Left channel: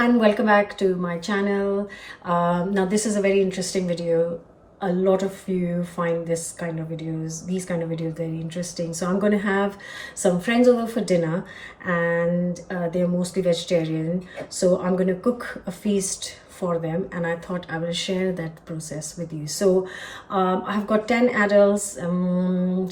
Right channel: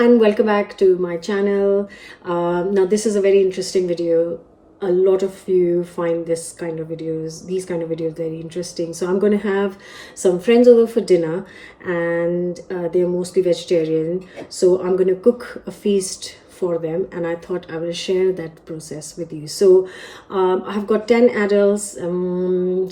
and welcome back to my channel. Now this is a very interesting video. A lot of you find these kind of videos very interesting. So I'm going to have some friends over for dinner, and they're mostly vegetarian. So I'm going to cook a feast for them, and I thought I will share that process with you. So I've got 10 adults,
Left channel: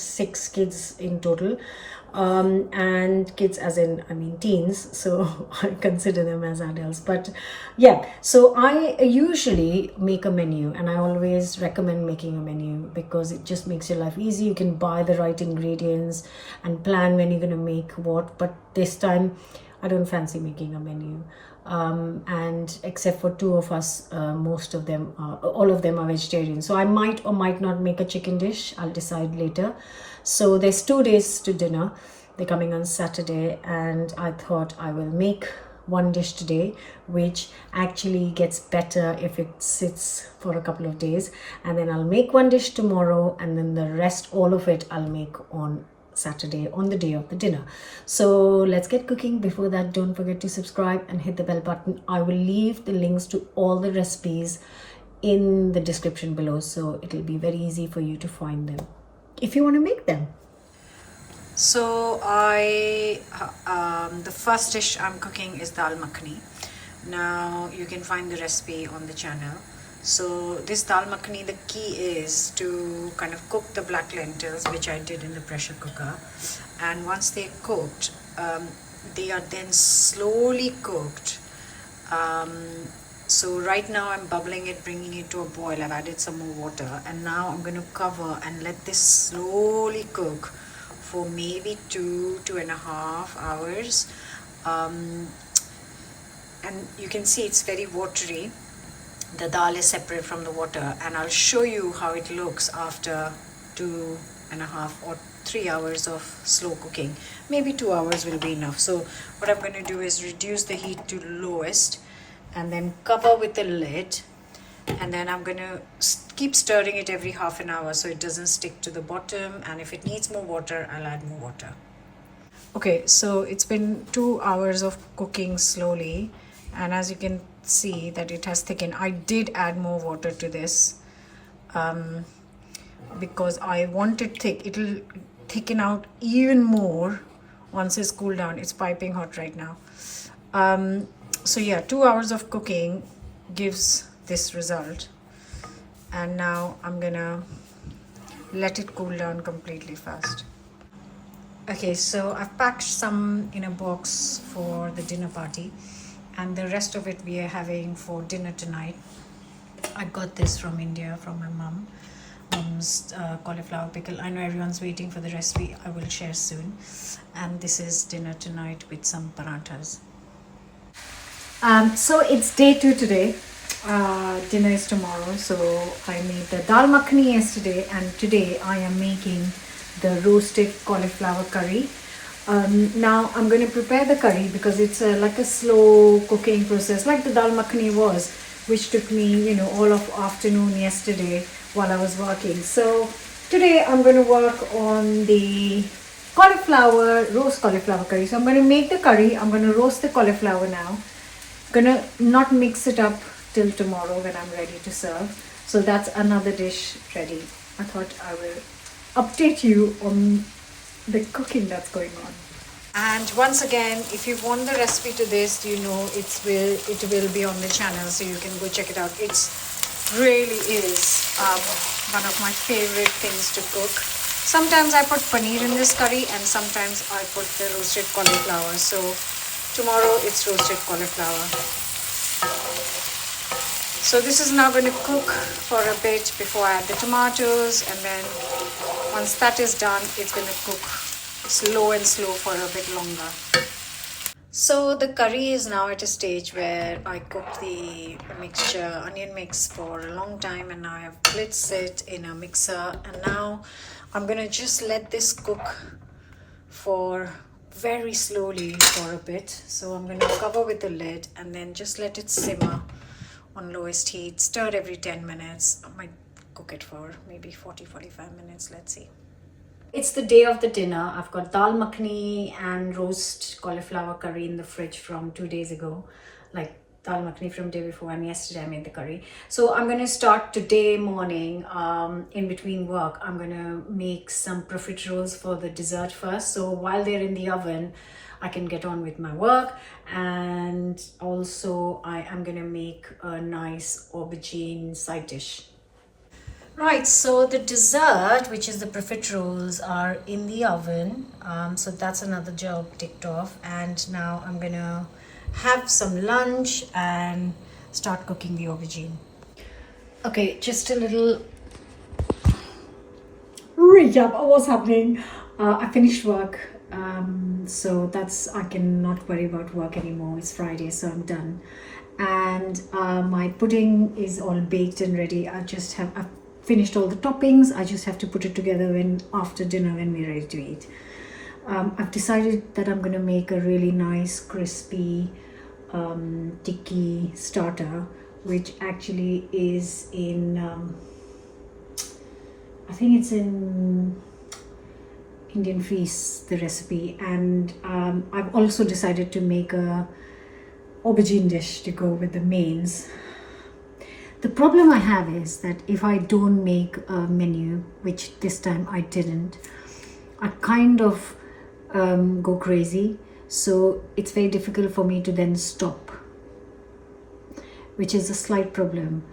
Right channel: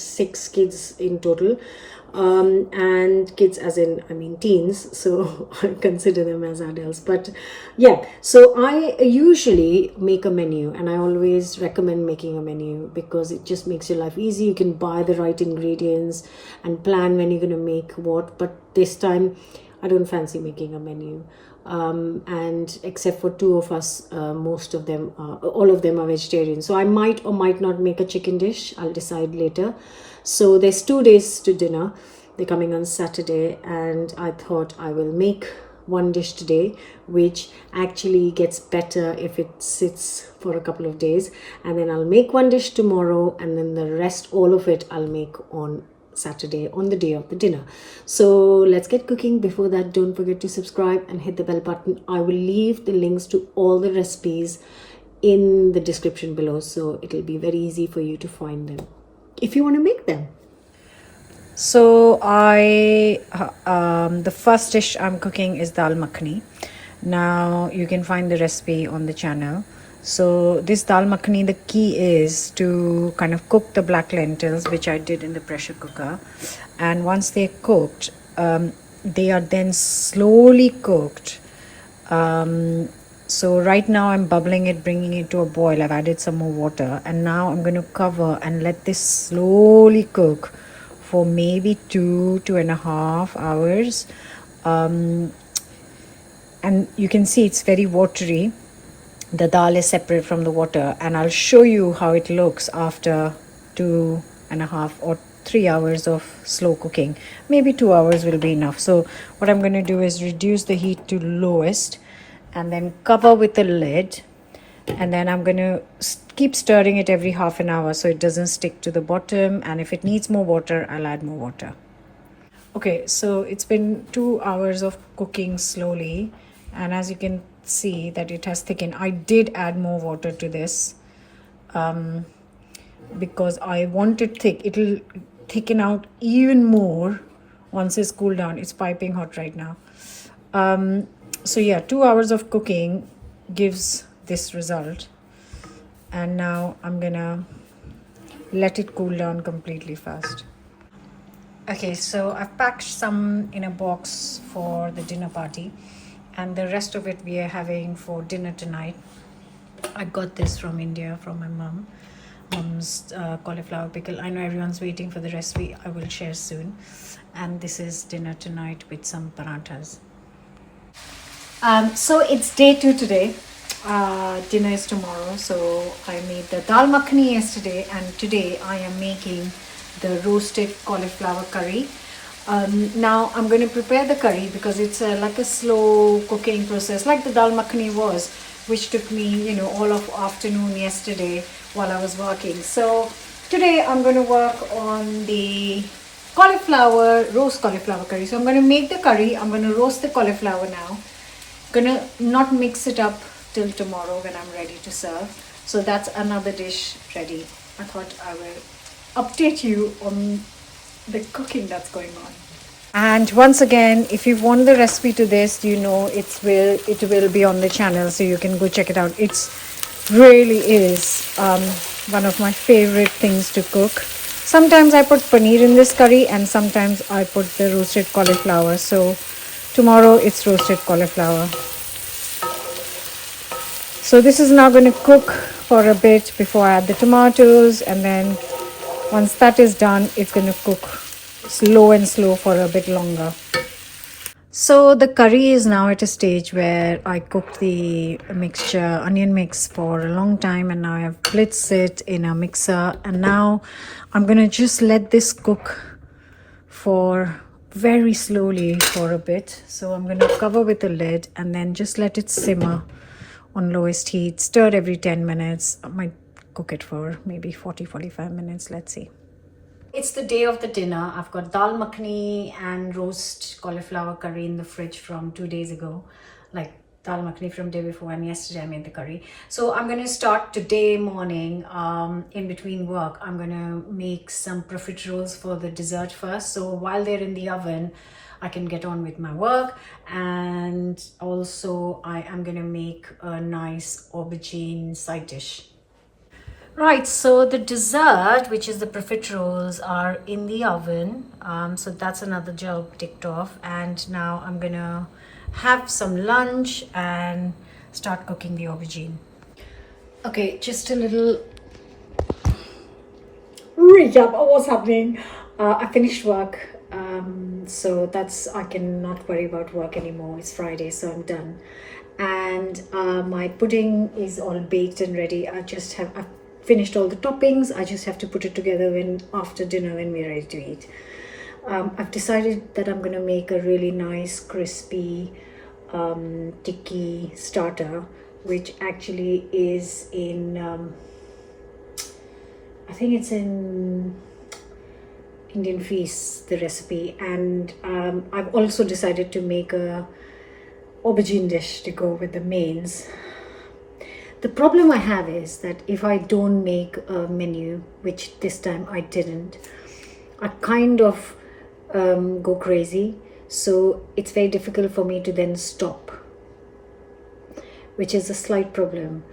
6 kids in total. And kids as in I mean teens, so I consider them as adults. But yeah, so I usually make a menu, and I always recommend making a menu because it just makes your life easy. You can buy the right ingredients and plan when you're going to make what. But this time I don't fancy making a menu, and except for 2 of us, all of them are vegetarian, so I might or might not make a chicken dish. I'll decide later. So there's 2 days to dinner. They're coming on Saturday, and I thought I will make one dish today, which actually gets better if it sits for a couple of days, and then I'll make one dish tomorrow, and then the rest, all of it, I'll make on Saturday, on the day of the dinner. So let's get cooking. Before that, don't forget to subscribe and hit the bell button. I will leave the links to all the recipes in the description below, so it'll be very easy for you to find them if you want to make them. So the first dish I'm cooking is dal makhani. Now you can find the recipe on the channel. So this dal makhani, the key is to kind of cook the black lentils, which I did in the pressure cooker. And once they're cooked, they are then slowly cooked. So right now I'm bubbling it, bringing it to a boil. I've added some more water, and now I'm going to cover and let this slowly cook for maybe 2.5 hours. And you can see it's very watery. The dal is separate from the water, and I'll show you how it looks after 2.5 or 3 hours of slow cooking. Maybe 2 hours will be enough. So what I'm going to do is reduce the heat to lowest, and then cover with a lid, and then I'm going to keep stirring it every half an hour so it doesn't stick to the bottom, and if it needs more water, I'll add more water. Okay, so it's been 2 hours of cooking slowly, and as you can see that it has thickened. I did add more water to this because I want it thick. It'll thicken out even more once it's cooled down. It's piping hot right now. So yeah, 2 hours of cooking gives this result, and now I'm gonna let it cool down completely first. Okay, so I've packed some in a box for the dinner party, and the rest of it we are having for dinner tonight. I got this from India from my mom's cauliflower pickle. I know everyone's waiting for the recipe. I will share soon. And this is dinner tonight with some parathas. So it's day 2 today. Dinner is tomorrow. So I made the dal makhani yesterday, and today I am making the roasted cauliflower curry. Now I'm going to prepare the curry because it's like a slow cooking process, like the dal makhani was, which took me, all of afternoon yesterday while I was working. So today I'm going to work on the roast cauliflower curry. So I'm going to make the curry. I'm going to roast the cauliflower now. Gonna not mix it up till tomorrow when I'm ready to serve. So that's another dish ready. I thought I will update you on the cooking that's going on. And once again, if you want the recipe to this, it will be on the channel, so you can go check it out. It's really is one of my favorite things to cook. Sometimes I put paneer in this curry, and sometimes I put the roasted cauliflower. So tomorrow it's roasted cauliflower. So this is now going to cook for a bit before I add the tomatoes, and then once that is done, it's going to cook slow for a bit longer. So the curry is now at a stage where I cooked the mixture, onion mix, for a long time, and now I have blitzed it in a mixer, and now I'm going to just let this cook for very slowly for a bit. So I'm going to cover with a lid and then just let it simmer on lowest heat. Stir every 10 minutes. I might cook it for maybe 40-45 minutes. Let's see. It's the day of the dinner. I've got dal makhani and roast cauliflower curry in the fridge from 2 days ago, like dal makhani from day before, and yesterday I made the curry. So I'm going to start today morning in between work. I'm going to make some profiteroles for the dessert first. So while they're in the oven, I can get on with my work. And also I am going to make a nice aubergine side dish. Right, so the dessert, which is the profiteroles, are in the oven. So that's another job ticked off. And now I'm gonna have some lunch and start cooking the aubergine. Okay, just a little recap of what's happening. I finished work, so I can not worry about work anymore. It's Friday, so I'm done. And my pudding is all baked and ready. I've finished all the toppings. I just have to put it together after dinner when we're ready to eat. I've decided that I'm going to make a really nice crispy tikki starter, which actually is in I think it's in Indian Feast, the recipe. And I've also decided to make a aubergine dish to go with the mains. The problem I have is that if I don't make a menu, which this time I didn't, I kind of go crazy. So it's very difficult for me to then stop, which is a slight problem.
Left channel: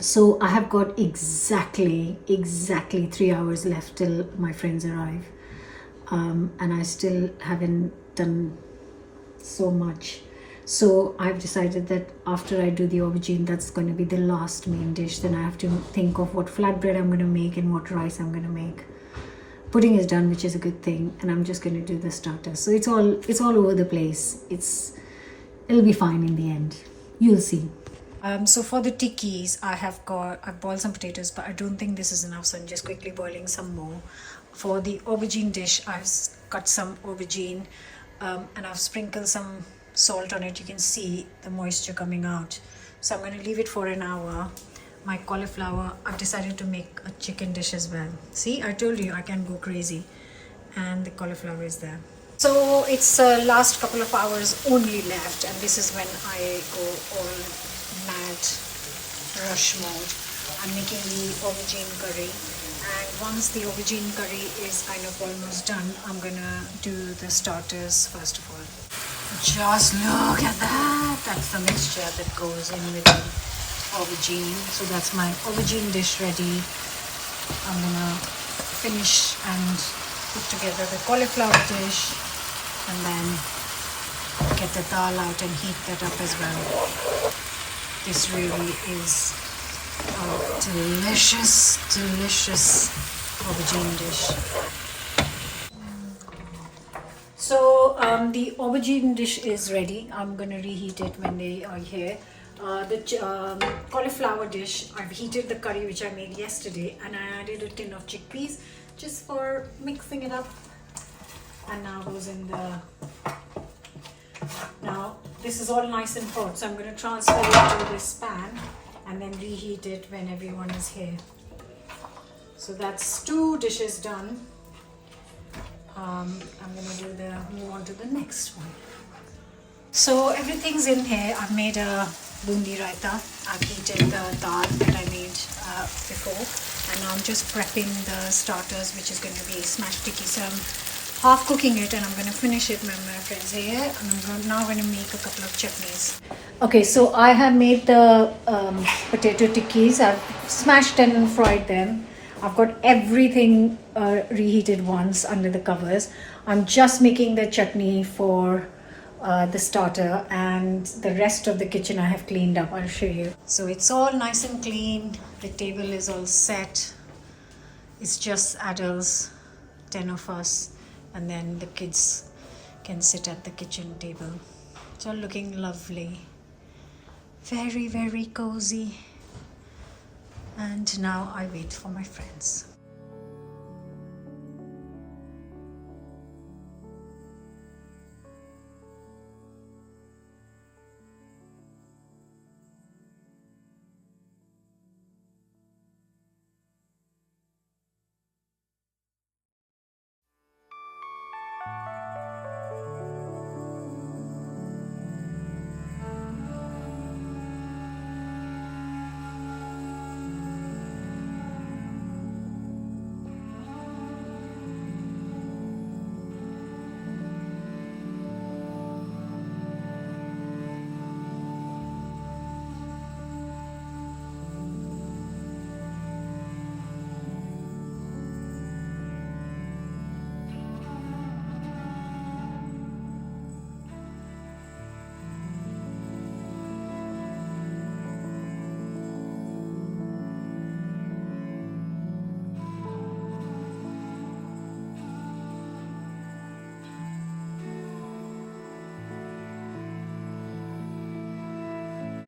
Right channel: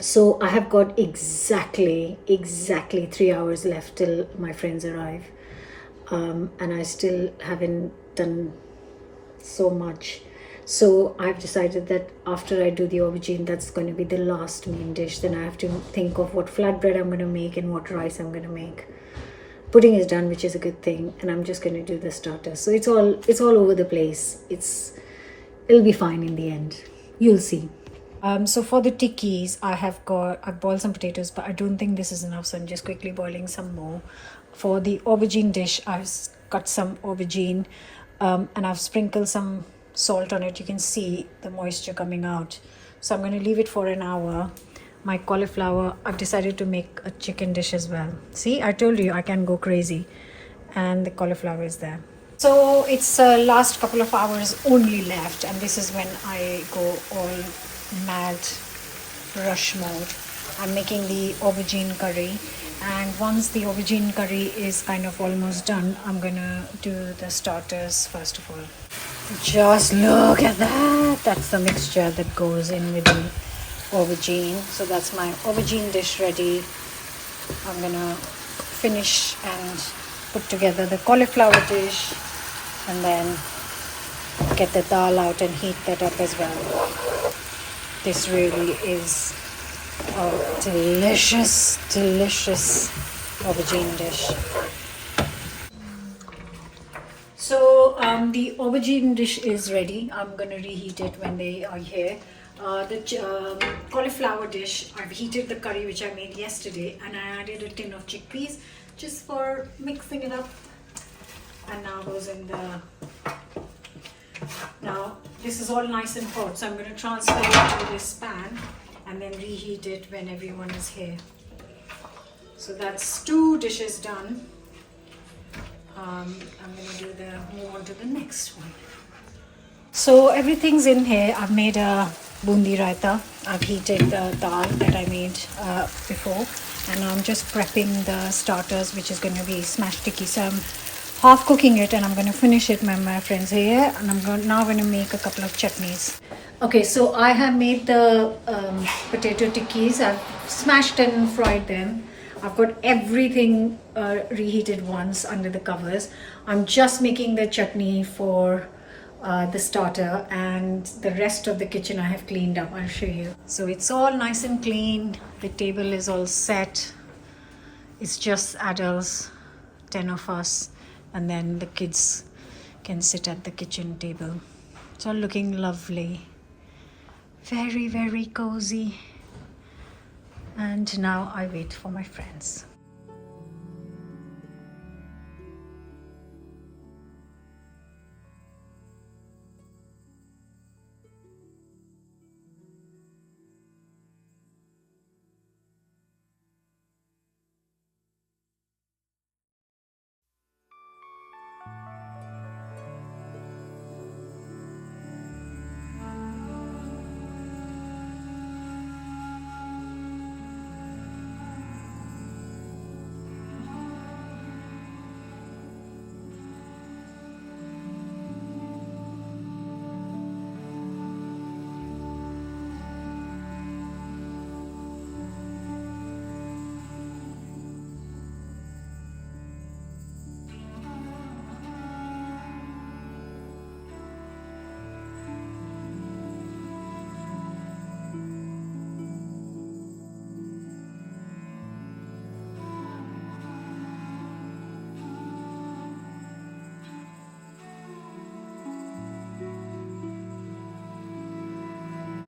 So I have got exactly 3 hours left till my friends arrive. And I still haven't done so much. So I've decided that after I do the aubergine, that's going to be the last main dish. Then I have to think of what flatbread I'm going to make and what rice I'm going to make. Pudding is done, which is a good thing, and I'm just going to do the starter. So it's all over the place. It'll be fine in the end. You'll see. So for the tikkis, I've boiled some potatoes, but I don't think this is enough, so I'm just quickly boiling some more. For the aubergine dish, I've cut some aubergine, and I've sprinkled some salt on it. You can see the moisture coming out. So I'm going to leave it for an hour. My cauliflower, I've decided to make a chicken dish as well. See, I told you I can go crazy. And the cauliflower is there. So it's last couple of hours only left, and this is when I go all mad rush mode. I'm making the aubergine curry, and once the aubergine curry is kind of almost done, I'm gonna do the starters first of all. Just look at that. That's the mixture that goes in with the aubergine. So that's my aubergine dish ready. I'm gonna finish and put together the cauliflower dish, and then get the dal out and heat that up as well. This really is a delicious aubergine dish. So the aubergine dish is ready. I'm going to reheat it when they are here. The cauliflower dish, I've heated the curry which I made yesterday, and I added a tin of chickpeas just for mixing it up. And now goes in the... Now this is all nice and hot, so I'm going to transfer it to this pan and then reheat it when everyone is here. So that's 2 dishes done. I'm going to move on to the next one. So everything's in here. I've made a bundi raita. I've heated the dal that I made before, and I'm just prepping the starters, which is going to be smashed tikki. So I'm half cooking it, and I'm going to finish it when my friends are here, and I'm now going to make a couple of chutneys. Okay, so I have made the potato tikkis. I've smashed and fried them. I've got everything reheated once under the covers. I'm just making the chutney for the starter, and the rest of the kitchen I have cleaned up. I'll show you. So it's all nice and clean. The table is all set. It's just adults, 10 of us, and then the kids can sit at the kitchen table. It's all looking lovely. Very, very cozy. And now I wait for my friends.